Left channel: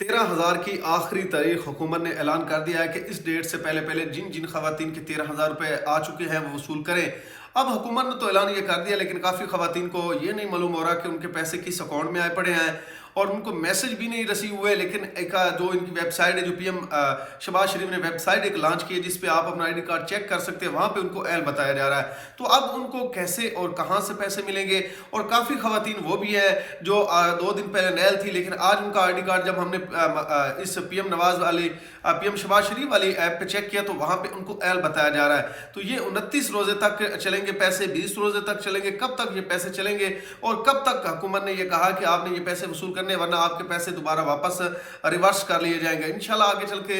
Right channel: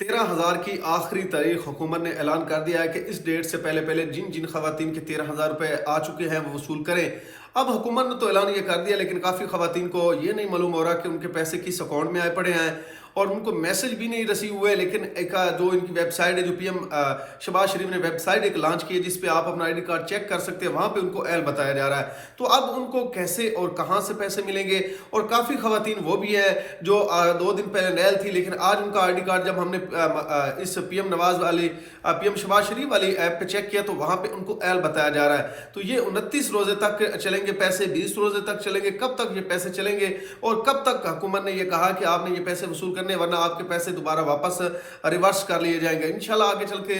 13,000 की आखिरी तारीख हुकूमत ने ऐलान कर दिया है कि इस डेट से पहले पहले जिन जिन खवातीन के 13,000 रुपये आ चुके हैं वो वसूल करें। अब हुकूमत ने तो ऐलान ये कर दिया, लेकिन काफ़ी खवातीन को ये नहीं मालूम हो रहा कि उनके पैसे किस अकाउंट में आए पड़े हैं और उनको मैसेज भी नहीं रिसीव हुए। लेकिन एक जो इनकी वेबसाइट है, जो पीएम शहबाज शरीफ ने वेबसाइट एक लॉन्च की है जिस पे आप अपना आईडी कार्ड चेक कर सकते हैं, वहाँ पे उनको एल बताया जा रहा है। तो अब उनको कैसे और कहाँ से पैसे मिलेंगे। और काफ़ी खवातीन वो भी है जो 2 दिन पहले नैल थी, लेकिन आज उनका आईडी कार्ड जब हमने इस पीएम नवाज वाली पीएम शहबाज शरीफ वाली ऐप पे चेक किया तो वहाँ पे उनको एल बताया जा रहा है। तो ये 29 रोजे तक चलेंगे पैसे, 20 रोजे तक चलेंगे। कब तक ये पैसे चलेंगे और कब तक हुकूमत ने ये कहा कि आपने ये पैसे वसूल करने, वरना आपके पैसे दोबारा वापस रिवर्स कर लिए जाएंगे। इंशाल्लाह आगे चल के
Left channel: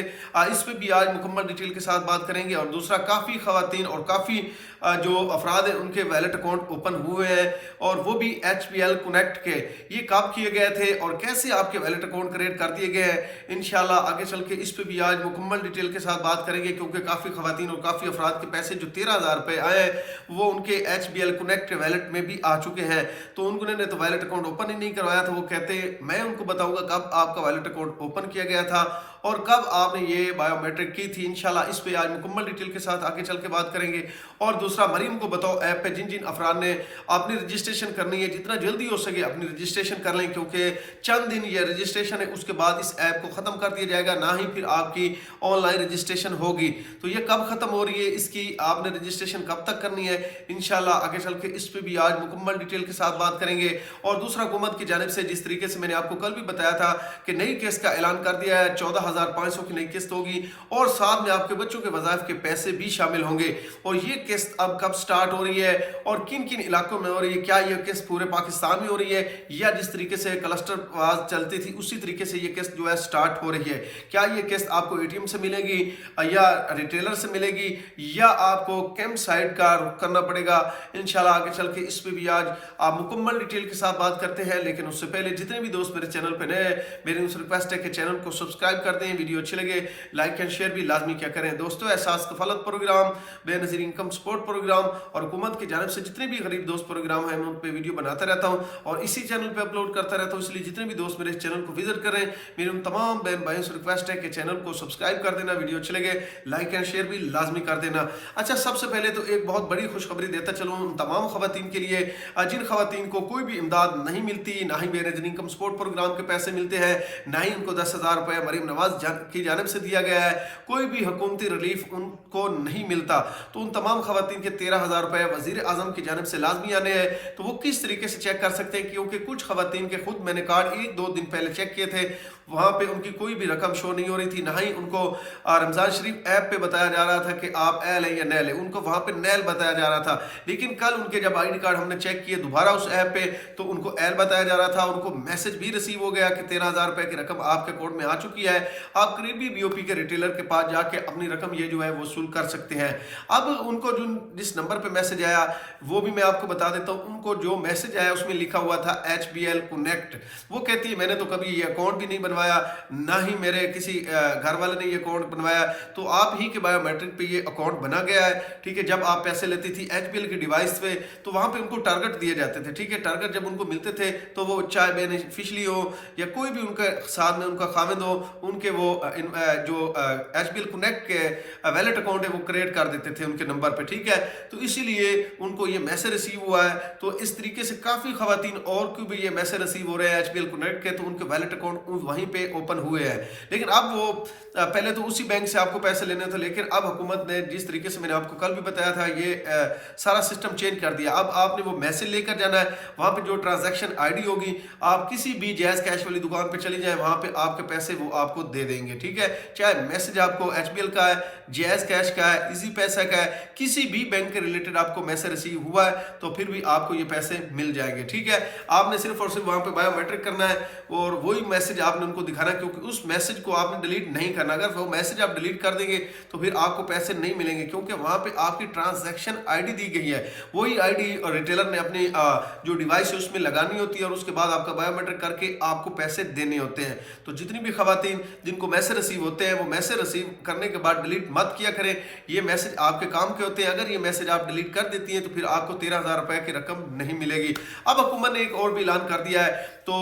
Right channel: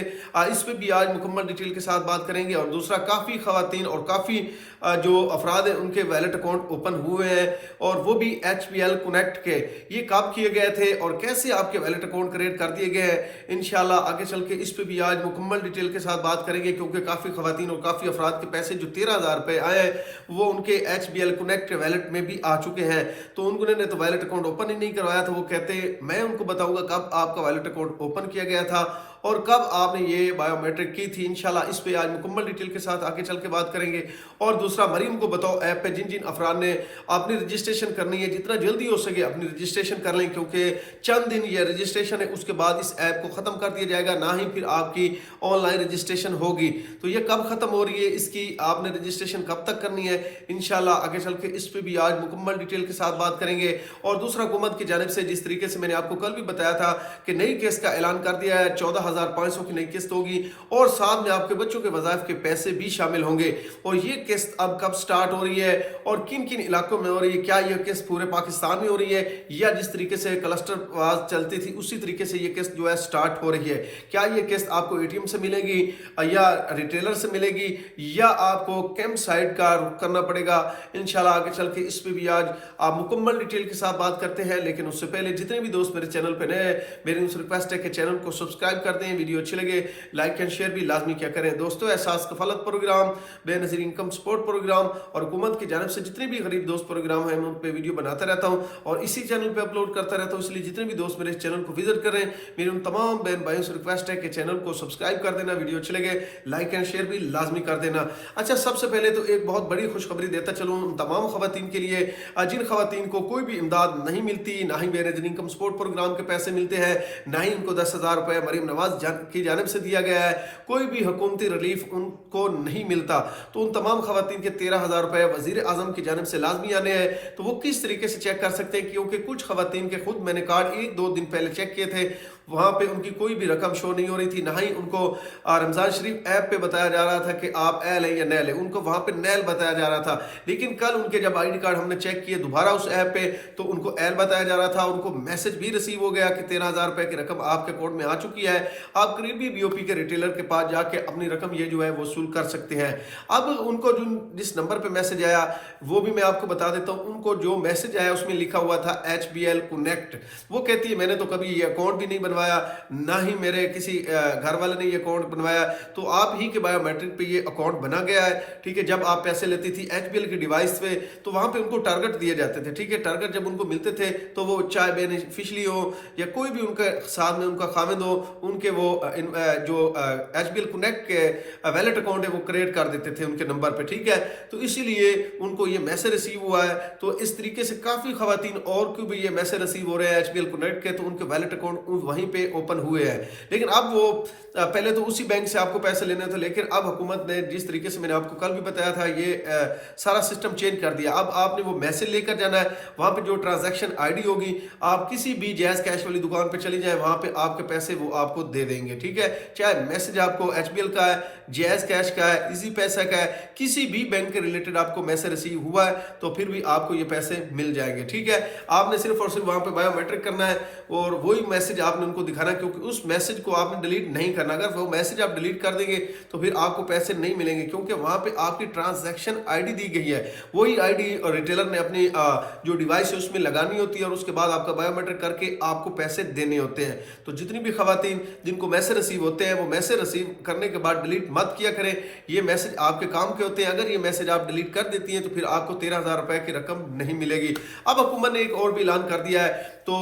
इस पे भी आज मुकम्मल डिटेल के साथ बात करेंगे। और दूसरा, काफ़ी खवातीन और काफ़ी जो अफराद हैं उनके वैलेट अकाउंट ओपन हुए हैं और वो भी HBL कनेक्ट के। ये कब किए गए थे और कैसे आपके वैलेट अकाउंट क्रिएट कर दिए गए हैं, इंशाल्लाह आगे चल के इस पे भी आज मुकम्मल डिटेल के साथ बात करेंगे। क्योंकि काफ़ी खवातीन और काफ़ी अफराद के पैसे जो 13,000 रुपये आए हैं वो उनके HBL कनेक्ट वैलेट में भी आ चुके हैं। तो उन्होंने तो वैलेट अकाउंट ओपन ही नहीं करवाया था। वो कहते मैं उनको बताऊंगा कब आपका वैलेट अकाउंट ओपन किया गया था और कब आपने ये बायोमेट्रिक की थी। इंशाल्लाह इस पे आज मुकम्मल डिटेल के साथ आगे चल के बात करेंगे। और दूसरा, मरीम को बताओ ऐप पे जिन जिन अफराद ने अपनी रजिस्ट्रेशन करनी है, जितना जल्दी हो सके अपनी रजिस्ट्रेशन कर लें, क्योंकि चंद दिन ये रजिस्ट्रेशन है, उसके बाद इस ऐप को ख़त्म कर दिया जाएगा, ना ही फिर आपकी ऑनलाइन रजिस्ट्रेशन होगी। तो ये कब ख़त्म हो रही है, इसकी आपने रजिस्ट्रेशन कब तक करनी है, इंशाल्लाह आगे चल के इस पे भी आज मुकम्मल डिटेल के साथ बात करेंगे। और दूसरा, हुकूमत की जानिब से जिस तरीके से मैंने आपको कल भी बताया था कि नई किस्त का ऐलान कर दिया है, 14,500 की नई किस्त होगी और साथ में आपके बच्चों के वज़ाइफ के पैसे भी शामिल होंगे। और ये किस्त अब कब स्टार्ट हो रही है और किन किन इलाकों में हो रही है, क्या ये किस्त पूरे पाकिस्तान में हो रही है या जिस तरीके से क्लस्टर वाज चलती थी उसी तरीके से ये किस्त जो है स्टार्ट हो रही है। क्या ये किस्त आपको ATM से मिलेगी या रिटेलर से मिलेगी या आपको कैंप साइट का रुख करना पड़ेगा, इंशाल्लाह आगे चल के इस पे भी आज आप मुकम्मल डिटेल के साथ बात करते हैं। लेकिन उससे पहले जितने भी दोस्त मेरे चैनल पे नए हैं, मेरी उनसे रिक्वेस्ट है कि चैनल को सब्सक्राइब कर दें, वीडियो अच्छी लगे लाइक एंड शेयर भी लाजमी क्या करें। दोस्तों, Ehsaas Kafalat programme, Benazir income support programme और हुकूमत की जानिब से जितने भी गरीब दोस्त प्रोग्राम हैं मैं उन पर वीडियो बनाता रहता हूँ और इसी चैनल पर अपलोड करता रहता हूँ। इसलिए जितने भी दोस्त मेरे चैनल को विजिट करें, मेरी उन तमाम बहन भाइयों से रिक्वेस्ट है कि चैनल को सब्सक्राइब कर देना, वीडियो अच्छे लगे लाइक एंड शेयर भी लाजमी कर देना। अच्छा, सबसे पहले तो एक बहुत बड़ी खुशखबरी देता चलूँ उन तमाम खवातीन के लिए जिन खवातीन को कोई भी इमदाद नहीं मिलती, ना ही बेनज़ीर इनकम सपोर्ट प्रोग्राम के पैसे मिलते हैं, ना ही उनको 10,000 रुपये मरीम नवाज की जानिब से दिया गया है, कोई भी हुकूमती रिलीफ उनको नहीं मिलता। तो उन तमाम खवातीन के 13,000 रुपये वज़ीर आज़म की जानिब से लाजमी आने हैं। तो वो किस तरीके से चेक कर सकते हैं, क्योंकि कुछ खवातीन के खुद मैंने कार्ड 1-2 दिन पहले चेक किए थे, वहाँ पे उनकी कोई भी रकम शो नहीं हो रही थी, ना ही उनको रमज़ान शरीफ ऐप पे बताया जा रहा था कि आप एल है या नैल है, उनको वहाँ पे नैल बताया जा रहा था। लेकिन कल उनके जब आईडी कार्ड हमने चेक किए दोबारा उस ऐप पे तो उनको एल बताया जा रहा था। उनको मैसेज भी रिसीव हो गया कि 13,000 रुपये की रकम आपके अकाउंट में आ चुकी है, आप करीबी BOP के रिटेलर के पास जाके अपनी रकम ये जो है वसूल कर सकते हैं। अब उनको जो जिस नंबर पे मैसेज आया वो भी मैं आपको बता देता हूँ। उनको जो मैसेज आया उसमें लिखा हुआ था HBL कनेक्ट। वो कहती है मैंने तो कभी ये अकाउंट भी नहीं बनवाया, ना ही मेरे किसी घर वाले ने ये अकाउंट बनवाया, तो आप ही के बायोमेट्रिक पे ये अकाउंट बना गया है। ठीक है, जब आप पैसे लेती थी HBL की डिवाइस पे तो वहां पे उनको टारगेट दिए जाते थे। ठीक है, टारगेट जब उनको मिलते थे तो वो चाहे बेनिफिशली हो या कोई भी उनके साथ में उनका खामिद हो, उनके वो जो HBL कनेक्ट के वैलेट अकाउंट है वो क्रिएट कर देते थे उनके नंबर पे। ठीक है, तो इसीलिए उनको ये मैसेज रिसीव हुआ है। तो इस तरीके से काफी खवातीन और को भी ये मैसेज रिसीव हो रहे हैं HBL कनेक्ट के, तो उनके वैलेट अकाउंट वहीं पे ओपन हुए हैं। लेकिन अब वो पहले तो उसी बैंक से आपको पैसे लेने थे, लेकिन अब हुकूमत ने जिस तरीके से मैंने आपको कल भी बताया था ये सारा सिस्टम चेंज कर दिया। अब आपने वो मैसेज लेकर जाना है, वहां पे जो ट्रांजैक्शन आईडी होगी, आप किसी भी जायज कैश वाली दुकान पे चली जाए, वहां पे आपके पैसे वो आपको दे देंगे। ठीक है, चाहे मैसेज आपको HBL का है, जायज कैश का है, इजी पैसा का है, किसी भी बैंक के रिलेटेड आपको मैसेज रिसीव हुआ है तो फिर भी आपको ये पैसे मिल जाएंगे। ठीक है, आपने सिर्फ और सिर्फ वहां पे बायोमेट्रिक करना है और वही मैसेज आपने उनको दिखाना, क्योंकि उस मैसेज को आपने डिलीट नहीं करना। अगर वो मैसेज आप डिलीट कर देंगे तो फिर आपको पैसे नहीं मिलेंगे, क्योंकि वहां पे आपकी ट्रांजैक्शन आईडी दी गई है। वही आईडी और रिटेलर ने अपनी जो डिवाइस है उसमें लगानी होती है और उसके बाद आपका बायोमेट्रिक करके आपको पैसे देने होते हैं। तो जितनी भी खवातीन जिनको मैसेज रिसीव होते हैं वो मैसेज रिसीव करने के बाद डिलीट मत किया करें, ये मैसेज आपके काम के होते हैं। अगर ये मैसेज आप डिलीट कर देती हैं तो फिर आपको 13,000 रुपए की रकम नहीं मिलेगी। अब हुकूमत ने एक और भी ऐलान कर दिया है تو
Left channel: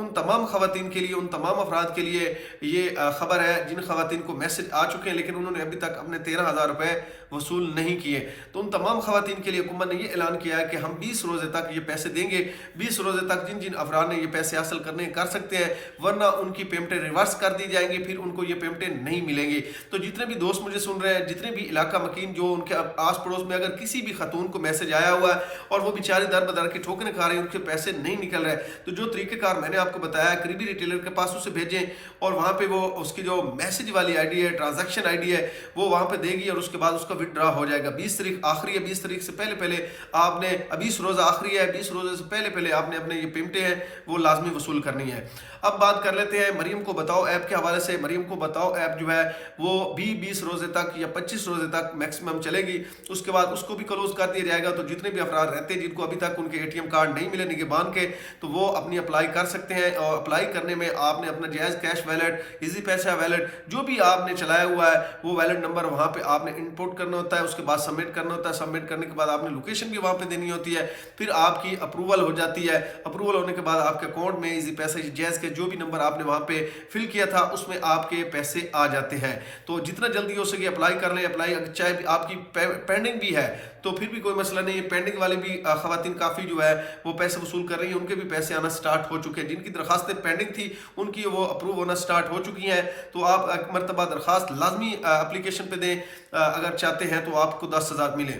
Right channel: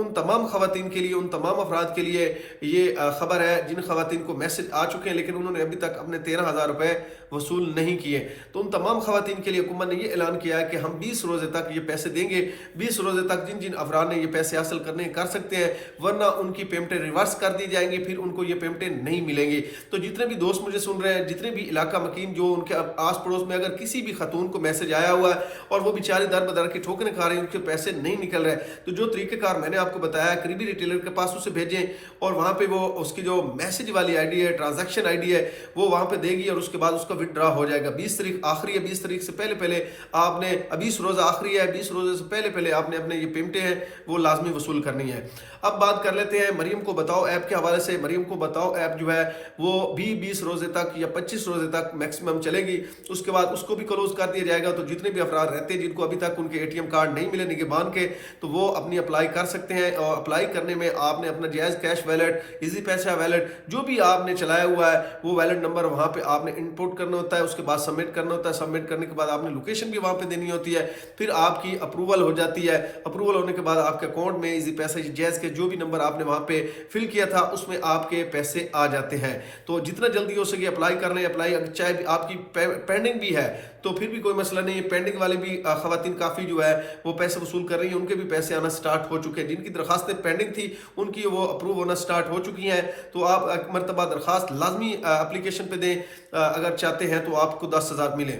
ان تمام خواتین کے لیے، ان تمام افراد کے لیے یہ خبر ہے جن خواتین کو میسج آ چکے ہیں لیکن انہوں نے ابھی تک اپنے 13,000 روپے وصول نہیں کیے، تو ان تمام خواتین کے لیے حکومت نے یہ اعلان کیا ہے کہ ہم 20 روزے تک یہ پیسے دیں گے۔ 20 روزے تک جن جن افراد نے یہ پیسے حاصل کرنے کر سکتے ہیں، ورنہ ان کی پیمنٹیں ریورس کر دی جائیں گی، پھر ان کو یہ پیمنٹیں نہیں ملیں گی۔ تو جتنے بھی دوست مجھے سن رہے ہیں، جتنے بھی علاقہ مکین جو ان کے آس پڑوس میں اگر کسی بھی خاتون کو میسج آیا ہوا ہے اور وہ بیچاری در بدر کی ٹھوکریں کھا رہی ہیں، ان کے پیسے نہیں نکل رہے، تو جو طریقہ کار میں نے آپ کو بتایا ہے، قریبی ریٹیلر کے پاس اسے بھیجیں اور وہاں پہ وہ اس کی جو میسج والی آئی ڈی ہے، ٹرانزیکشن آئی ڈی ہے، وہ وہاں پہ دے گی اور اس کے بعد اس کا وتھ ڈرا ہو جائے گا۔ 20 تاریخ آخری ہے، 20 تاریخ سے پہلے آپ نے 20 روزہ آخری ہے، 20 روزے سے پہلے آپ نے اپنے یہ پیمنٹیں ہیں وہ لازمی وصول کرنی ہے۔ اب بات کر لیتے ہیں مریم کو بتاؤ ایپ کے حوالے سے۔ مریم کو بتاؤ ایپ جو ہے وہ بھی 20 روزے تک یا 25 روزے تک میکسیمم چلے گی، اس کے بعد اس کو بھی کلوز کر دیا جائے گا۔ تو جتنے بھی افراد رہتے ہیں جن کو ابھی تک ان کے اے ٹی ایم کارڈ نہیں ملے نگہبان کے، تو وہ اپنی اپلائی کر سکتے ہیں، اور اپلائی کرنے میں آپ نے اپنا جائز کیش ویلٹ، ایزی پیسہ ویلٹ، جو بھی آپ نے چلایا ہوا ہے وہ ویلٹ نمبر وہاں پہ آپ نے انپوٹ کرنا ہوتا ہے، اس کے بعد سبمٹ کرنا ہوتا ہے۔ سبمٹ کرنے کے بعد آپ نے لوکیشن بھی وہاں پہ دینی ہوتی ہے، پھر آپ کی اپروول ہو جاتی ہے۔ اپروول ہونے کے بعد آپ کے اکاؤنٹ میں ایزی پیسہ جائز کے جو بھی نمبر آپ نے وہاں پہ فل کیا تھا اس میں آپ کے پیسے آ جاتے ہیں۔ تو جتنا جلدی ہو سکے اپلائی کر لیں۔ اپلائی چاہے آپ کی پینڈنگ بھی ہے تو پھر بھی کوئی مسئلہ نہیں ہے، پینڈنگ والی بھی خواتین کافی جو ہے وہ پیسے وصول کر رہی ہیں، ان کے بھی پیسے آنا سٹارٹ ہو چکے ہیں۔ جن کی درخواستیں پینڈنگ تھی ان کی وہ اپروو ہونا سٹارٹ ہو چکی ہیں، تو آپ ایک مرتبہ درخواست لازمی اپلیکیشن پہ دیں اگر چاہتے ہیں تو آپ کو 10,000 ملیں۔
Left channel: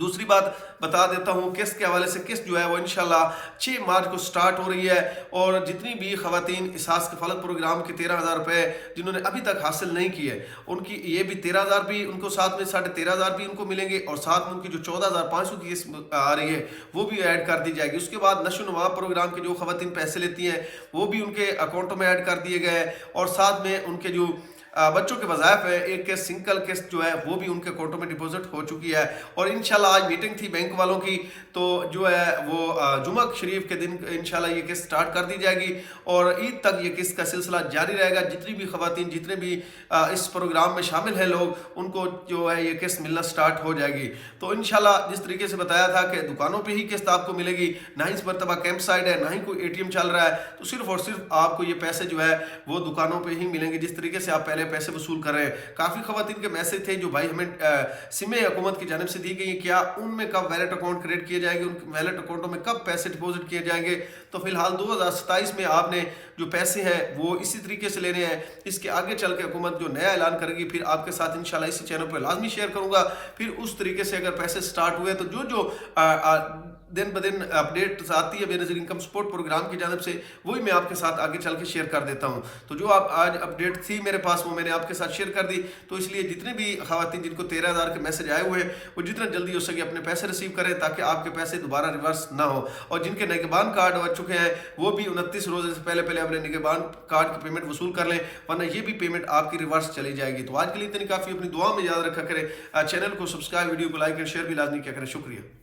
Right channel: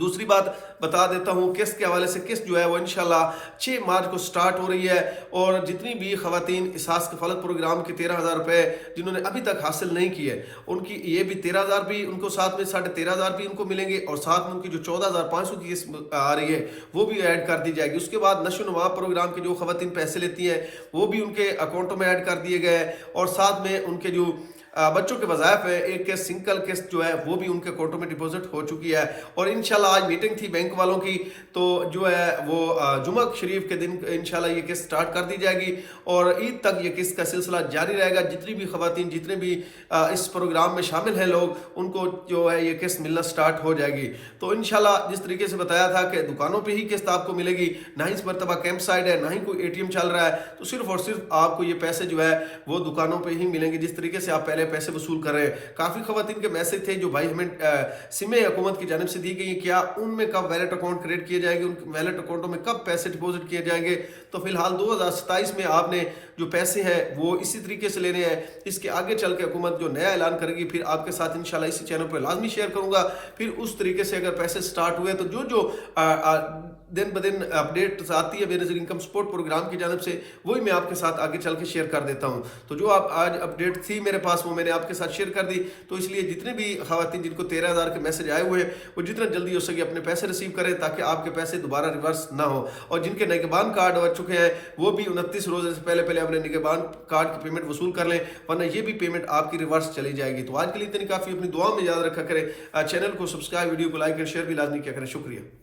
دوسری بات بتا دیتا ہوں، قسط کے حوالے سے قسط جو ہے وہ انشاءاللہ 6 مارچ کو سٹارٹ ہو رہی ہے، اور جتنی بھی خواتین اساس کفالت پروگرام کے 13,000 روپے جنہوں نے ابھی تک حاصل نہیں کیے، ان کی یہ بھی 13,000 بھی ان کو ساتھ میں 13,500 بھی ان کو ملیں گے، اور ساتھ میں ان کی جو 14,500 کی قسط آ رہی ہے وہ بھی ایڈ کر دی جائے گی۔ اس کے بعد نشو و نما پروگرام کے جو خواتین پیسے لیتی ہیں وہ بھی ان کے اکاؤنٹوں میں ایڈ کر دیے گئے، اور ساتھ میں ان کے جو بچوں کے وظائف ہے، ایک قسط سنگل قسط جو ہے وہ بھی ان کے اکاؤنٹوں میں ڈپوزٹ ہو چکی ہے۔ اور انشاءاللہ آج میٹنگ تھی بینک والوں کی، تو جو ہے وہ جمعہ شریف کے دن انشاءاللہ یہ قسط سٹارٹ کر دی جائے گی، اور عید تک یہ قسط کا سلسلہ جاری رہے گا۔ جتنی بھی خواتین جتنے بھی اس پروگرام میں شامل ہیں لوگ، ان کو جو ہے یہ قسط ملنا سٹارٹ ہو جائے گی۔ تو انشاءاللہ جس طریقے سے بتایا تھا کہ دکانوں پہ ہی قسط آپ کو ملے گی، نہ ہی اس مرتبہ کیمپ سائٹ ہے، نہ ہی کوئی اے ٹی ایم چل رہا ہے، تو صرف اور صرف آپ کو یہ پیسے جو ہے وہ دکانوں پہ ہی ملیں گے، جس طریقے سے آپ پہلے پیسے وصول کر رہے ہیں۔ کافی خواتین کے میسج تھے جو بھائی ہمیں سمیں حکومت کی جانب سے دی گئی ہیں، کیا ان میں کب ویلٹ اکاؤنٹ کریٹ کیے جائیں گے، ان ویلٹ اکاؤنٹوں میں کب پیسے ڈپوزٹ کیے جائیں گے؟ تو فی الحال 2027 میں آپ نے جو پیسے ہیں وہ اسی طریقے سے لینے ہیں۔ اس کے آگے چل کے حکومت جو نیا اعلان کرے گی پھر آپ کے ساتھ انشاءاللہ اسی چینل پہ لازمی شیئر کروں گا۔ پھر اس طریقے سے اگر پیسے سٹارٹ ہوئے تو جو دن بدن اپڈیٹ آتی ہے بے نظیر انکم سپورٹ پروگرام کی جانب سے، وہی میں آپ کے ساتھ آگے چل کے شیئر کر دیتا ہوں۔ تو جو آپ آج اپڈیٹ تھی میرے پاس وہ میں نے آپ کے ساتھ شیئر کر دی، تو اس لیے جتنے بھی خواتین جن کو 13,000 کے میسج آئے ہوئے ہیں وہ جتنا جلدی ہو سکے اپنے پیسے ریسیو کریں تاکہ آپ کے پیسے دوبارہ ریورس نہ ہو، اور جن کے نگہبان کارڈ ہو چکے ہیں وہ بھی 29 روزے سے پہلے اپنے نگہبان کارڈ کی پیمنٹ وصول کر لیں، ورنہ یہ بھی پیمنٹ آپ کی ریورس چلی جائے گی۔ تو آج کے لیے اتنی کافی، اپنی دعا میں یاد رکھا کریں، چینل کو سبسکرائب، ویڈیو کو لائک اور شیئر بھی لازمی کیا کریں۔ شکریہ۔